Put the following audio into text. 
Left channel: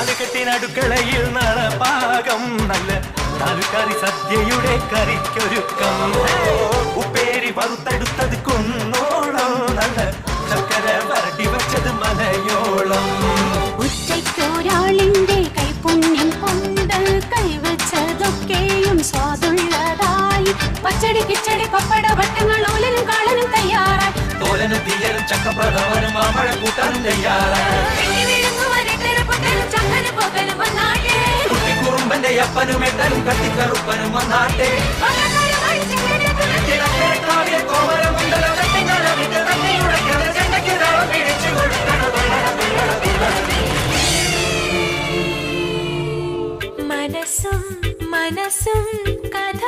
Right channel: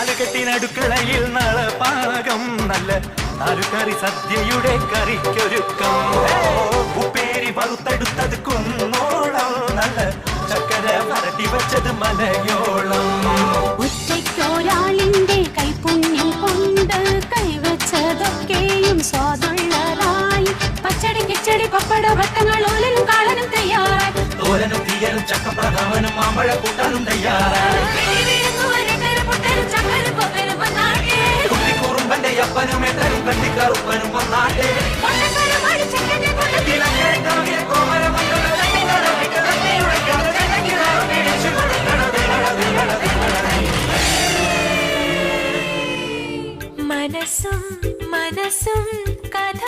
നാലുകെട്ടിനടുക്കളയിൽ നളപാകം നല്ല നാലുകറി സദ്യയുടെ കറിക്കൊരുക്കം ഉപ്പേരി വറുത്തെടുത്തത് കുന്നോളം നല്ല ചക്കര വരട്ടി വച്ചത് മലയോളം ഒറ്റയ്ക്കൊരാളിന്റെ കൈപുണ്യം കൊണ്ട് കൈവച്ചതൊക്കെയും സ്വാദുള്ളതായി പച്ചടി കിച്ചടി പപ്പട വട്ടങ്ങൾ ഓലനും കാളനും തയ്യാറായി തോരനും തീയലും ചക്കപ്രഥമനും മാമ്പഴ കൂട്ടാനും തയ്യാറായി കുട്ടിക്കുറുമ്പന്റെ അപ്പനും എട്ടനും കട്ടിക്കറുപ്പനും വന്നാട്ടെ മനസ്സും മനസ്സും കഥ